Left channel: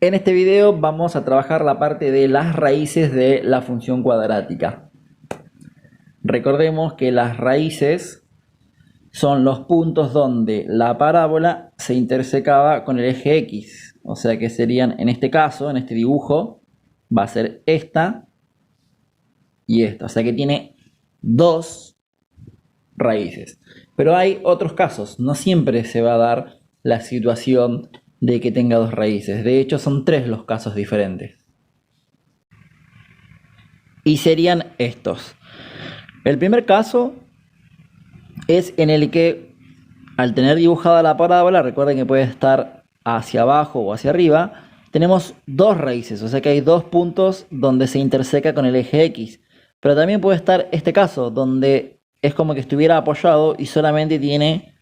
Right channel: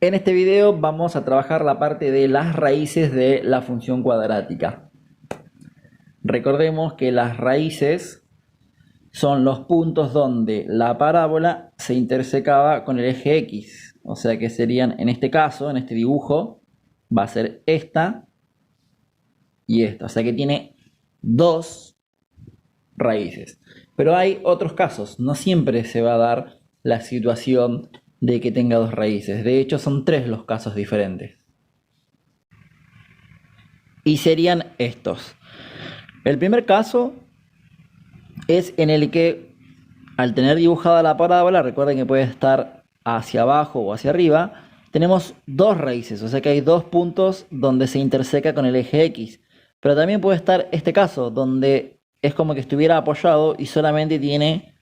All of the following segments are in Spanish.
En este video vamos a trabajar la parte de las raíces de la función cuadrática. Recordemos que las raíces son los puntos donde la parábola se intersecaba con el eje X. O sea que serían, en este caso, en este dibujo, va a ser esta y esta. O sea que tiene dos raíces. Pero hay otros casos. No siempre se va a dar la situación de que tenga dos raíces. De hecho, son tres los casos diferentes. Y serían estos. El primer caso es en el que al tener dibujada la parábola, recuerden que puede estar hacia abajo o hacia arriba, tenemos dos raíces, o sea que hay dos puntos donde se interseca con el eje X. Pero también puede estar este caso, donde es como que estuviera apoyado y solamente tiene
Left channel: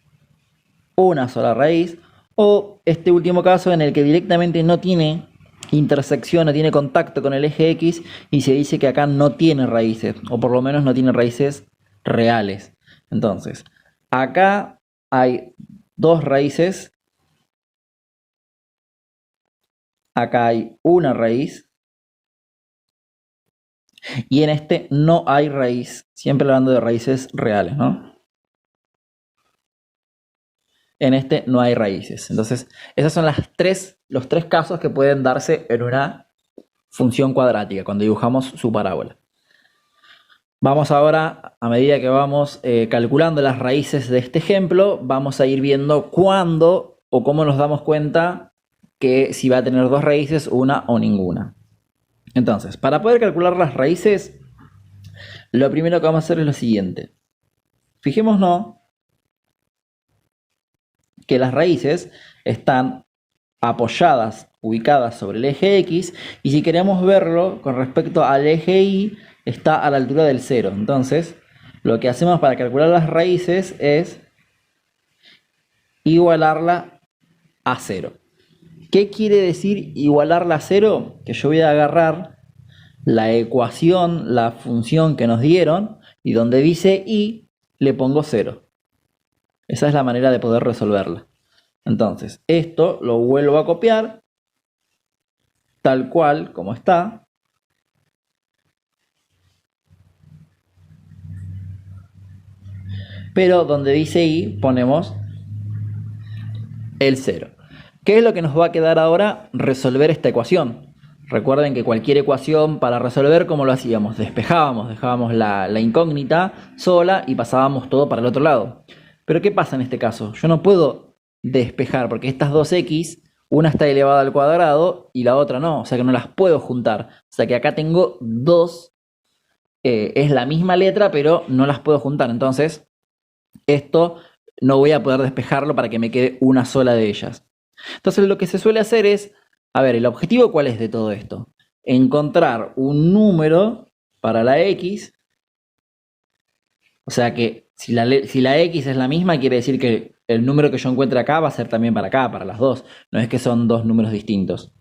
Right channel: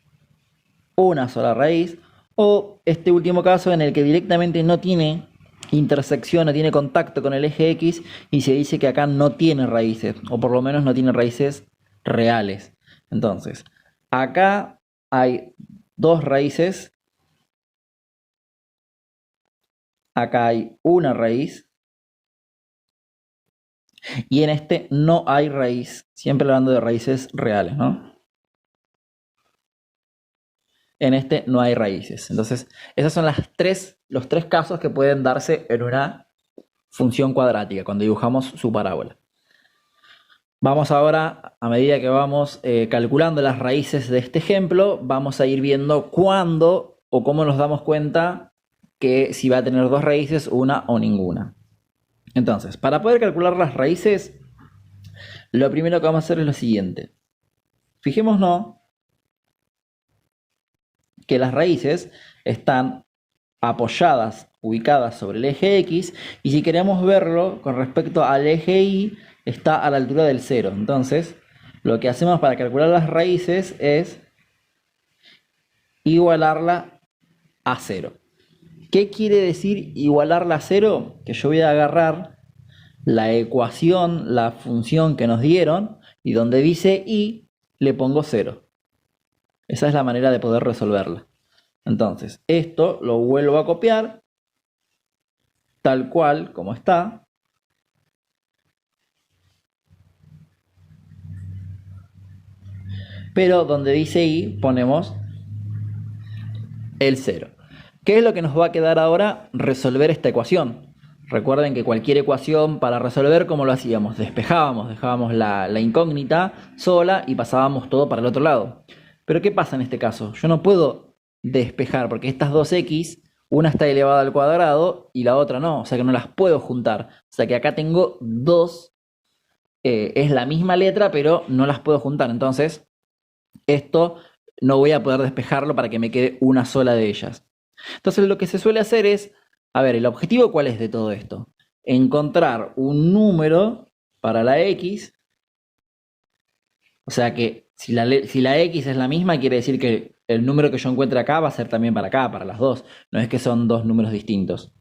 una sola raíz, o este último caso en el que directamente no tiene intersección, no tiene contacto con el eje X y se dice que acá no tiene raíces, o por lo menos no tiene raíces reales. Entonces, acá hay dos raíces, acá hay una raíz y en este no hay raíz, siempre hablando de raíces reales, ¿no? En este no hay raíces. Entonces, esos son los tres casos que pueden darse en una función cuadrática, cuando dibujamos su parábola. Vamos ahora, a medida que vamos calculando las raíces de este ejemplo, vamos a ir viendo cuándo o cómo nos damos cuenta que si va a tener dos raíces, una o ninguna. Entonces, para poder calcular las raíces, lo primero que vamos a hacer es lo siguiente. Fijémonos que las raíces están apoyadas, ubicadas sobre el eje X, y si queremos verlo con respecto al eje Y, está a la altura del cero. Entonces, lo que hacemos para calcular las raíces es igualarla a cero. ¿Qué quiere decir igualarla a cero? Que yo voy a agarrar la ecuación, la función que nos dieron, y donde dice Y, le pongo cero. Esa es la manera de poder resolverla. Entonces, esto lo vuelvo a copiar tal cual como está, pero donde dice Y ponemos el cero. ¿Qué es lo que nos va a quedar ahora? Resolver esta ecuación. Recuerden que cualquier ecuación para resolver, ¿cómo lo hacíamos? Despejábamos, dejábamos la incógnita sola y pasábamos todo para el otro lado. Pero ¿qué pasa en este caso? Yo no puedo despejar porque estas dos x, una está elevada al cuadrado y la otra no, o sea que no las puedo juntar. O sea que acá tengo dos, es la misma letra, pero no las puedo juntar. Entonces, esto no voy a poder despejarlo para que me quede una sola de ellas. Entonces lo que se suele hacer es, a ver, ¿el objetivo cuál es de todo esto? Encontrar un número para la x, o sea que si la x es la misma, quiere decir que el número que yo encuentre acá va a ser también para acá, para las dos. No es que son dos números distintos.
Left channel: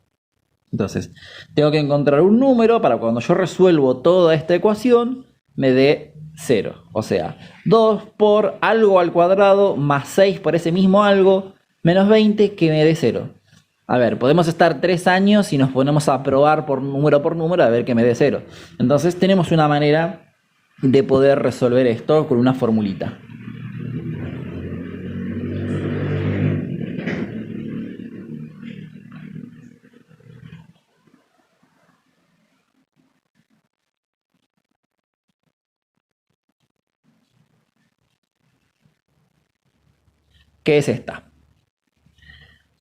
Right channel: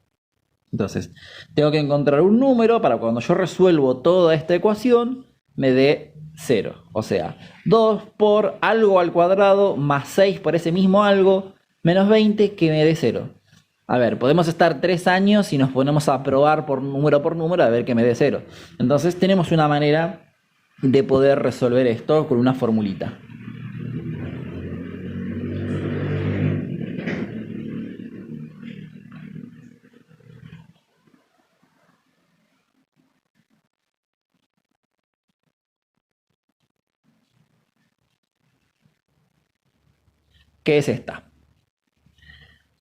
Entonces, tengo que encontrar un número para cuando yo resuelvo toda esta ecuación, me dé cero. O sea, 2 por algo al cuadrado más 6 por ese mismo algo, menos 20 que me dé cero. A ver, podemos estar 3 años y nos ponemos a probar por número a ver que me dé cero. Entonces tenemos una manera de poder resolver esto con una formulita. ¿Qué es esta?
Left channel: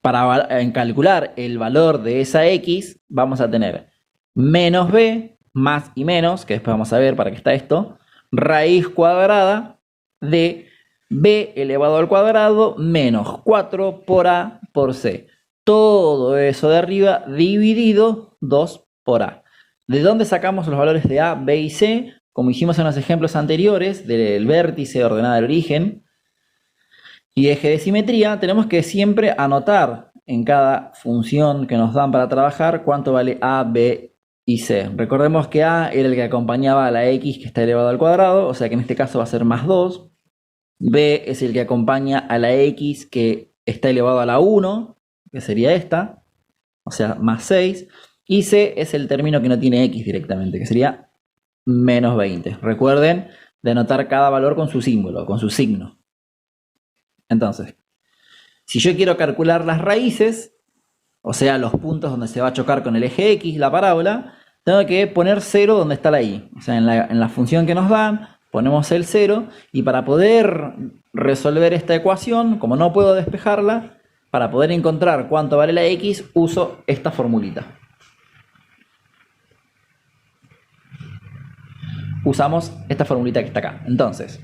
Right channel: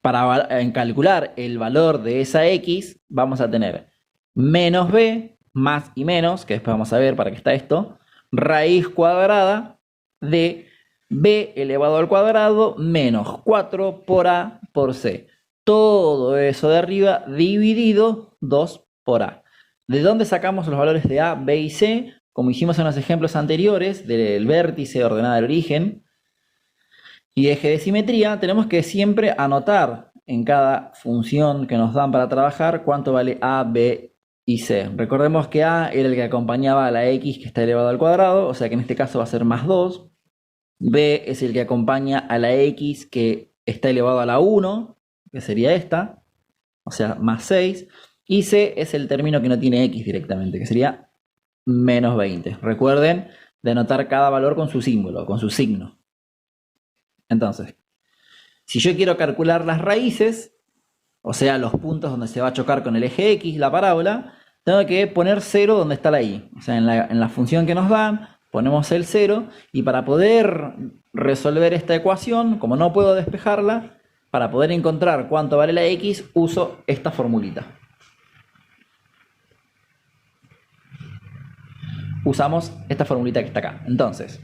Para calcular el valor de esa x, vamos a tener menos b, más y menos, que después vamos a ver para qué está esto, raíz cuadrada de b elevado al cuadrado menos 4 por a por c. Todo eso de arriba dividido 2 por a. ¿De dónde sacamos los valores de a, b y c? Como hicimos en los ejemplos anteriores, del vértice ordenado del origen, y eje de simetría, tenemos que siempre anotar en cada función que nos dan para trabajar cuánto vale a, b y c. Recordemos que a era el que acompañaba a la x que está elevado al cuadrado, o sea que en este caso va a ser más 2. B es el que acompaña a la x que está elevado a la 1, que sería esta. o sea, más 6. Y c es el término que no tiene x directamente, que sería menos 20. Recuerden de anotar cada valor con su símbolo, con su signo. Entonces, si yo quiero calcular las raíces, o sea, los puntos donde se va a chocar con el eje X, la parábola, tengo que poner 0 donde está la Y. O sea, en la función que nos dan, ponemos el 0, y para poder resolver esta ecuación, como no puedo despejarla, para poder encontrar cuánto vale la X, uso esta formulita. Usamos esta formulita que está acá. Entonces,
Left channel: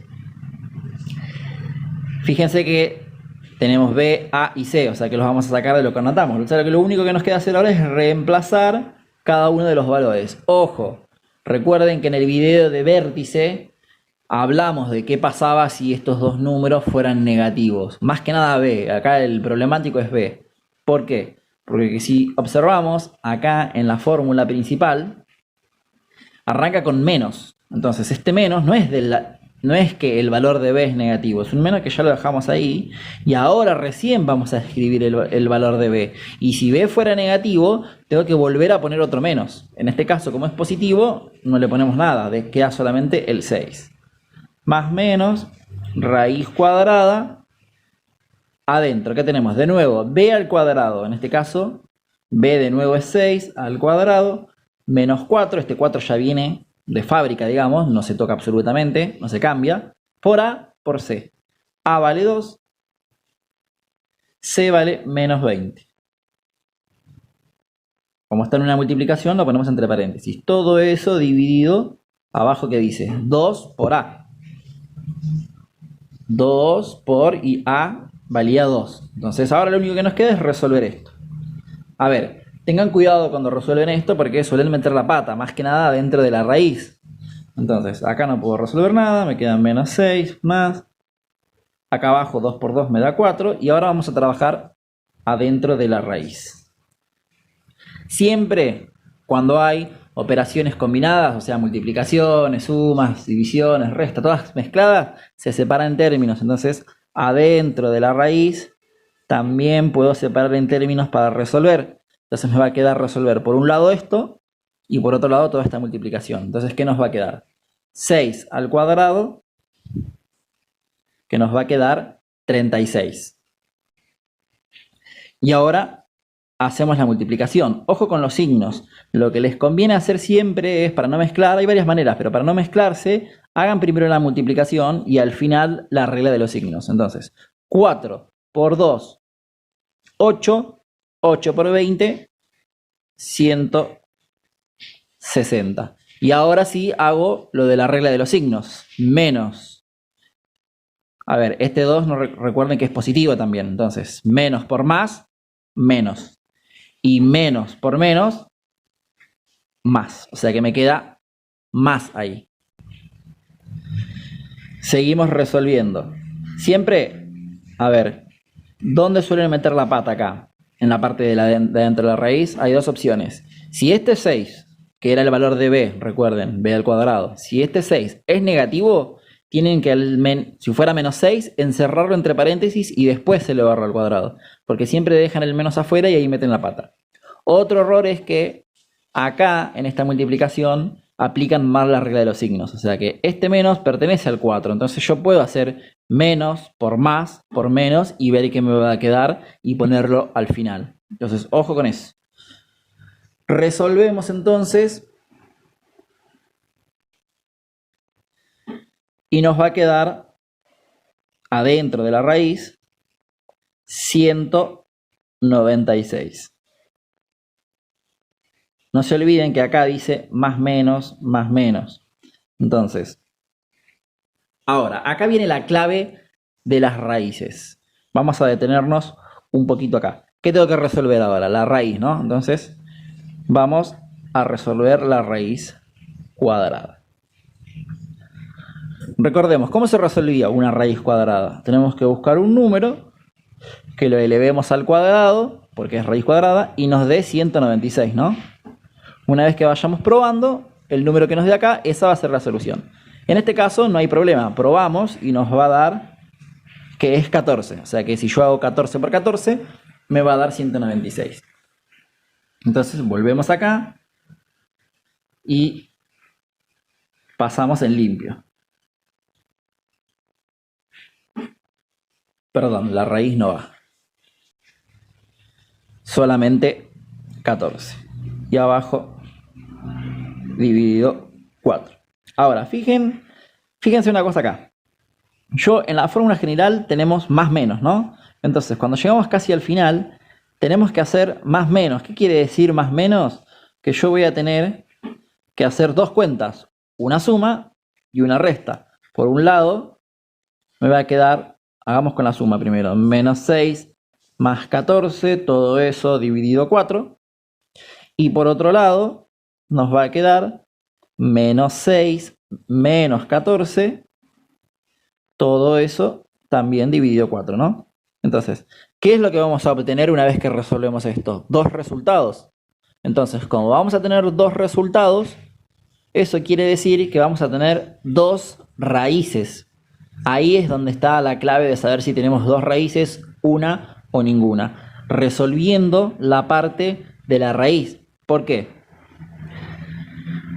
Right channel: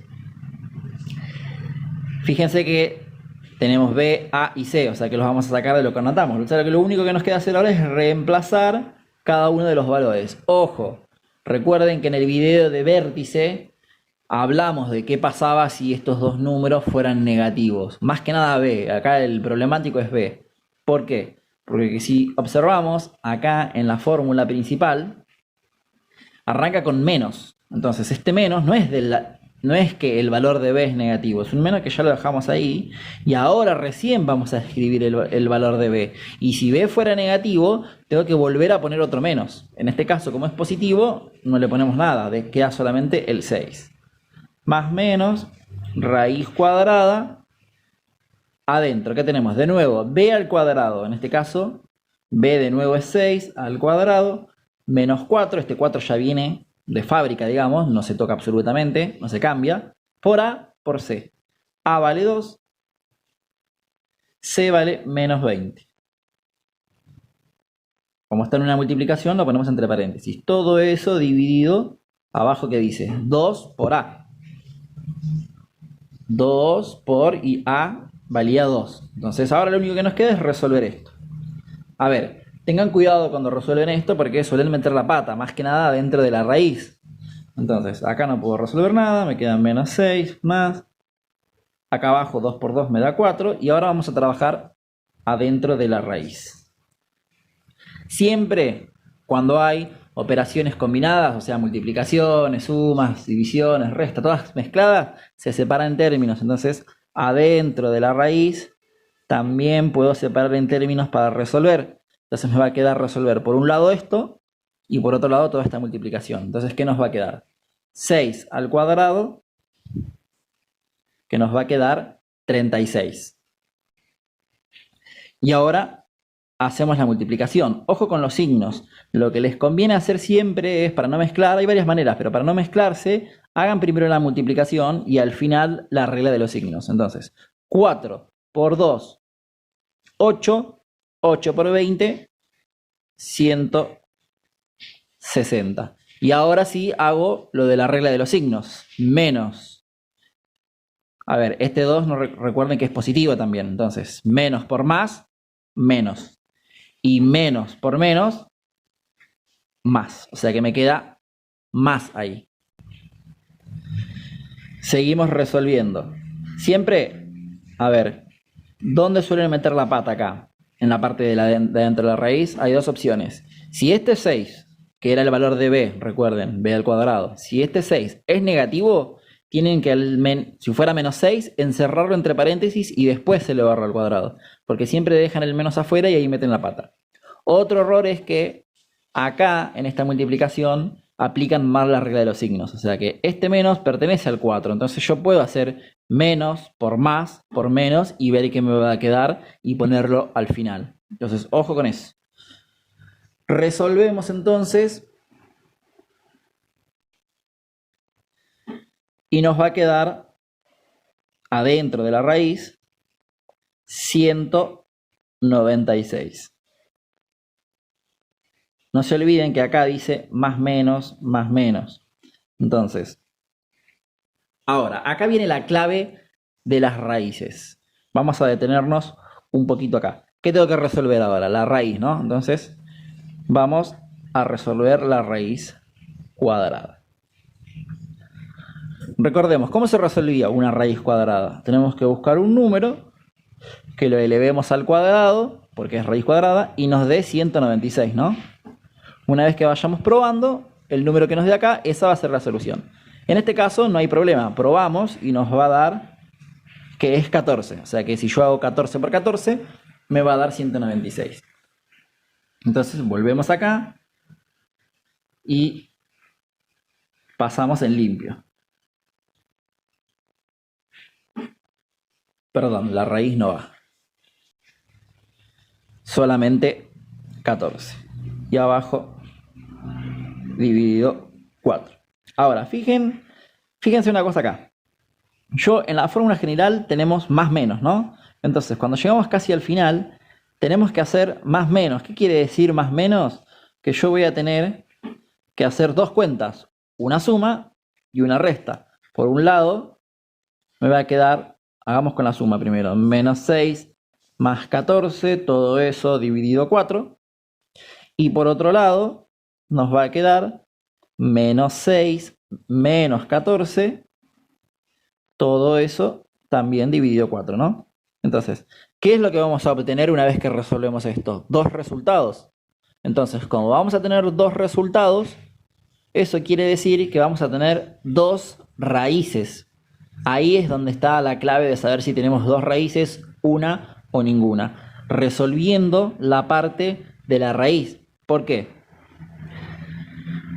fíjense que tenemos B, A y C, o sea que los vamos a sacar de lo que anotamos. O sea que lo único que nos queda hacer ahora es reemplazar cada uno de los valores. Ojo, recuerden que en el video de vértice hablamos de qué pasaba si estos dos números fueran negativos. Más que nada B, acá el problemático es B. ¿Por qué? Porque si observamos acá en la fórmula principal, arranca con menos. Entonces este menos no es que el valor de B es negativo, es un menos que ya lo dejamos ahí y ahora recién vamos a escribir el valor de B. Y si B fuera negativo, tengo que volver a poner otro menos. En este caso, como es positivo, no le ponemos nada, queda solamente el 6. Más menos, raíz cuadrada, adentro, ¿qué tenemos? De nuevo, B al cuadrado, en este caso, B de nuevo es 6 al cuadrado, menos 4, este 4 ya viene de fábrica, digamos, no se toca absolutamente, no se cambia, por A por C. A vale 2, C vale menos 20. Como está en una multiplicación, lo ponemos entre paréntesis. Todo eso dividido, abajo que dice 2 por A. 2 por y A valía 2. Entonces ahora lo único que nos queda es resolver esto. A ver, tengan cuidado cuando resuelven esto porque suelen meter la pata, más que nada dentro de la raíz. Entonces, acá no puedo resolver nada, me quedan menos 6, más. Acá abajo 2 por 2 me da 4 y ahora vamos a trabajar adentro de la raíz. Siempre cuando hay operaciones combinadas, o sea, multiplicaciones, sumas, divisiones, restas, todas mezcladas, se separan en términos. Entonces, adentro de la raíz también puedo separar en términos para resolver. Entonces me va a quedar resolver por un lado esto y por otro lado toda esta multiplicación. Entonces, ¿qué nos va a quedar? 6 al cuadrado, que nos va a quedar 36. Y ahora hacemos la multiplicación. Ojo con los signos. Lo que les conviene hacer siempre es, para no mezclar, hay varias maneras, pero para no mezclarse, hagan primero la multiplicación y al final la regla de los signos. Entonces, 4 por 2, 8, 8 por 20, 160. Y ahora sí hago lo de la regla de los signos. Menos. A ver, este 2 no recuerden que es positivo también. Entonces, menos por más, menos. Y menos por menos, más. O sea que me queda más ahí. Seguimos resolviendo. Siempre, a ver, ¿dónde suelen meter la pata acá? En la parte de dentro de la raíz hay dos opciones. Si este 6, que era el valor de B, recuerden, B al cuadrado, si este 6 es negativo, tienen que, si fuera menos 6, encerrarlo entre paréntesis y después se lo barra al cuadrado. Porque siempre dejan el menos afuera y ahí meten la pata. Otro error es que acá, en esta multiplicación, aplican mal la regla de los signos. O sea que este menos pertenece al 4. Entonces yo puedo hacer menos por más, por menos, y ver qué me va a quedar y ponerlo al final. Entonces, ojo con eso. Resolvemos entonces. Y nos va a quedar adentro de la raíz 196. No se olviden que acá dice más menos, más menos. Entonces, ahora, acá viene la clave de las raíces. Vamos a detenernos un poquito acá. ¿Qué tengo que resolver ahora? La raíz, ¿no? Entonces, vamos a resolver la raíz cuadrada. Recordemos, ¿cómo se resolvía una raíz cuadrada? Tenemos que buscar un número que lo elevemos al cuadrado, porque es raíz cuadrada, y nos dé 196, ¿no? Una vez que vayamos probando, el número que nos dé acá, esa va a ser la solución. En este caso no hay problema, probamos y nos va a dar que es 14. O sea que si yo hago 14 por 14, me va a dar 196. Entonces volvemos acá y pasamos en limpio. Perdón, la raíz no va. Solamente 14. Y abajo dividido 4. Ahora, fíjense una cosa acá. Yo en la fórmula general tenemos más menos, ¿no? Entonces, cuando llegamos casi al final, tenemos que hacer más menos. ¿Qué quiere decir más menos? Que yo voy a tener que hacer dos cuentas, una suma y una resta. Por un lado, me va a quedar, hagamos con la suma primero, menos 6 más 14, todo eso dividido 4. Y por otro lado, nos va a quedar menos 6 menos 14, todo eso también dividido 4, ¿no? Entonces, ¿qué es lo que vamos a obtener una vez que resolvemos esto? Dos resultados. Entonces, como vamos a tener dos resultados, eso quiere decir que vamos a tener dos raíces. Ahí es donde está la clave de saber si tenemos dos raíces, una o ninguna. Resolviendo la parte de la raíz. ¿Por qué?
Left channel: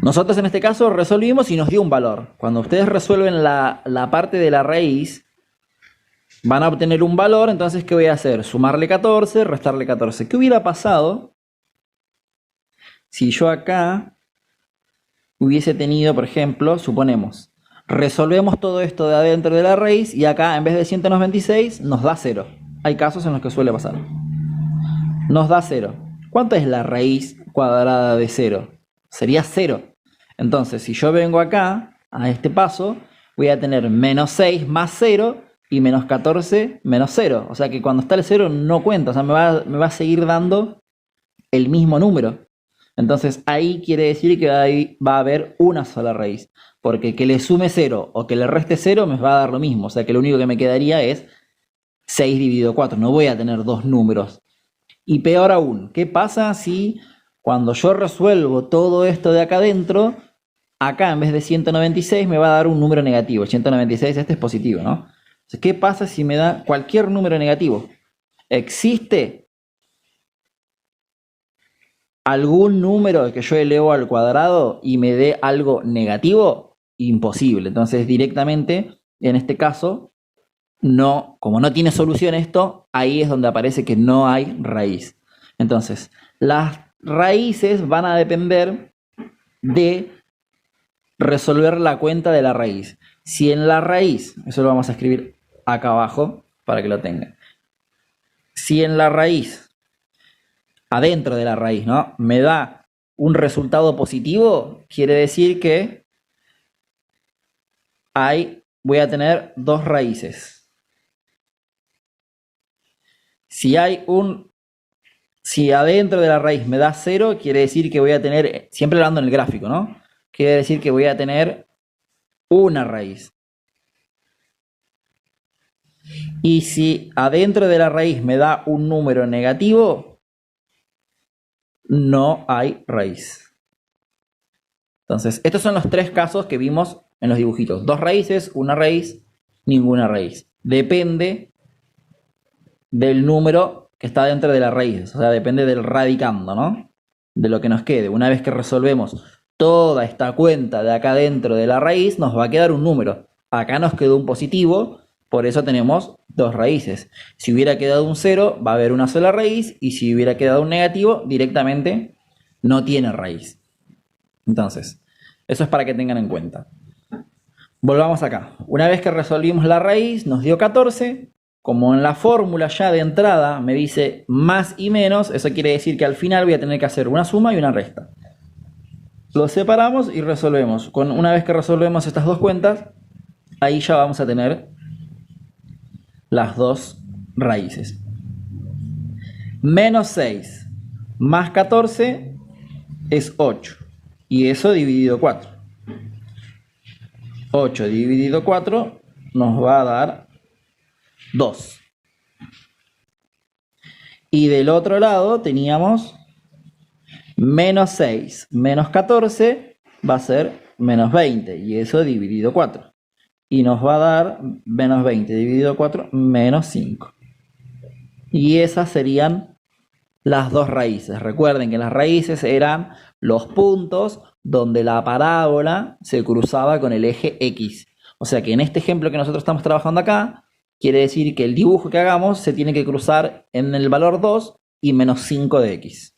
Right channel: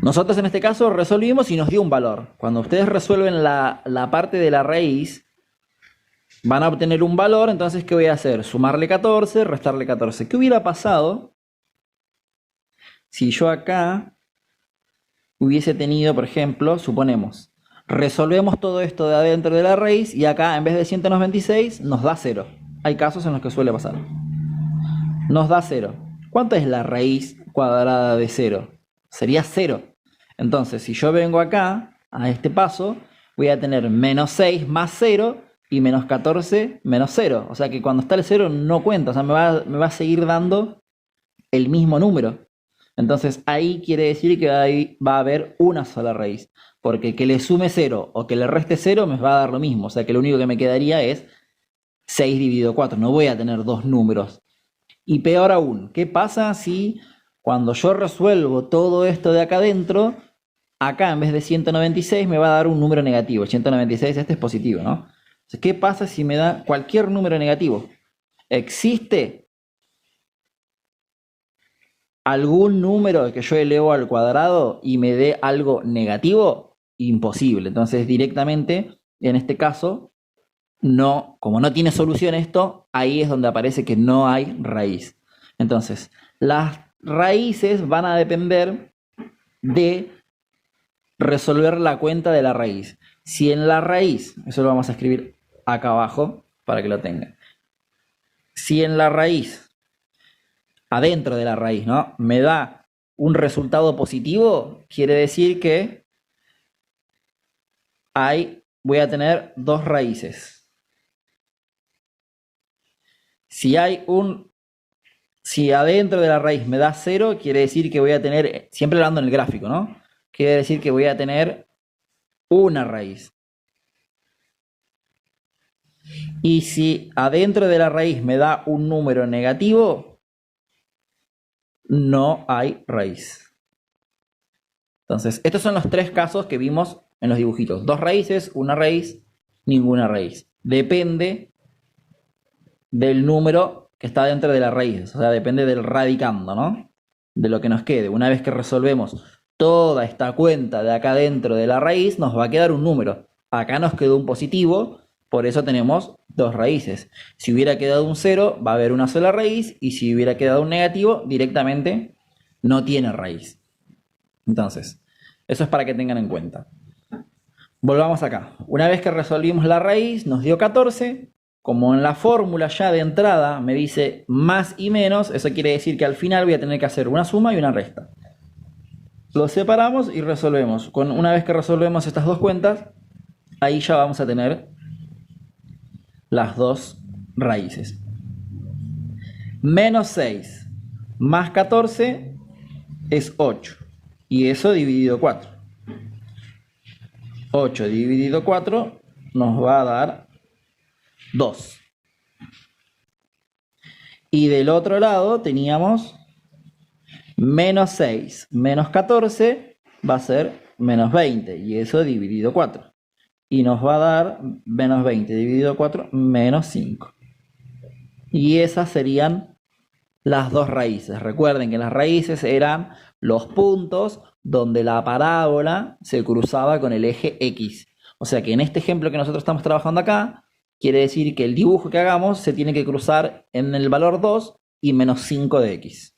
Nosotros en este caso resolvimos y nos dio un valor. Cuando ustedes resuelven la parte de la raíz, van a obtener un valor. Entonces, ¿qué voy a hacer? Sumarle 14, restarle 14. ¿Qué hubiera pasado si yo acá hubiese tenido, por ejemplo, suponemos, resolvemos todo esto de adentro de la raíz y acá en vez de 196 nos da 0. Hay casos en los que suele pasar. Nos da 0. ¿Cuánto es la raíz cuadrada de 0? Sería 0. Entonces, si yo vengo acá, a este paso, voy a tener menos 6 más 0 y menos 14 menos 0. O sea que cuando está el 0 no cuenta, o sea, me va a seguir dando el mismo número. Entonces ahí quiere decir que ahí va a haber una sola raíz. Porque que le sume 0 o que le reste 0 me va a dar lo mismo. O sea que lo único que me quedaría es 6 dividido 4. No voy a tener dos números. Y peor aún, ¿qué pasa si cuando yo resuelvo todo esto de acá adentro, acá en vez de 196 me va a dar un número negativo? 196, este es positivo, ¿no? Entonces, ¿qué pasa si me da cualquier número negativo? ¿Existe algún número que yo elevo al cuadrado y me dé algo negativo? Imposible. Entonces directamente, en este caso, no, como no tiene solución esto, ahí es donde aparece que no hay raíz. Entonces, las raíces van a depender de resolver la cuenta de la raíz. Si en la raíz, eso lo vamos a escribir acá abajo para que lo tengan. Si en la raíz, adentro de la raíz, ¿no?, me da un resultado positivo, quiere decir que ahí voy a tener dos raíces. Si adentro de la raíz me da 0, quiere decir que voy a tener, siempre hablando en el gráfico, ¿no? Quiere decir que voy a tener una raíz. Y si adentro de la raíz me da un número negativo, no hay raíz. Entonces, estos son los tres casos que vimos en los dibujitos. Dos raíces, una raíz, ninguna raíz. Depende del número que está dentro de la raíz, o sea, depende del radicando, ¿no? De lo que nos quede. Una vez que resolvemos toda esta cuenta de acá dentro de la raíz, nos va a quedar un número. Acá nos quedó un positivo, por eso tenemos dos raíces. Si hubiera quedado un 0, va a haber una sola raíz, y si hubiera quedado un negativo, directamente no tiene raíz. Entonces, eso es para que tengan en cuenta. Volvamos acá. Una vez que resolvimos la raíz, nos dio 14. Como en la fórmula ya de entrada me dice más y menos, eso quiere decir que al final voy a tener que hacer una suma y una resta. Lo separamos y resolvemos. Una vez que resolvemos estas dos cuentas, ahí ya vamos a tener las dos raíces. Menos 6 más 14 es 8. Y eso dividido 4. 8 dividido 4 nos va a dar 2. Y del otro lado teníamos menos 6 menos 14 va a ser menos 20. Y eso dividido 4. Y nos va a dar menos 20 dividido 4 menos 5. Y esas serían las dos raíces. Recuerden que las raíces eran los puntos donde la parábola se cruzaba con el eje X. O sea que en este ejemplo que nosotros estamos trabajando acá, quiere decir que el dibujo que hagamos se tiene que cruzar en el valor 2 y menos 5 de X.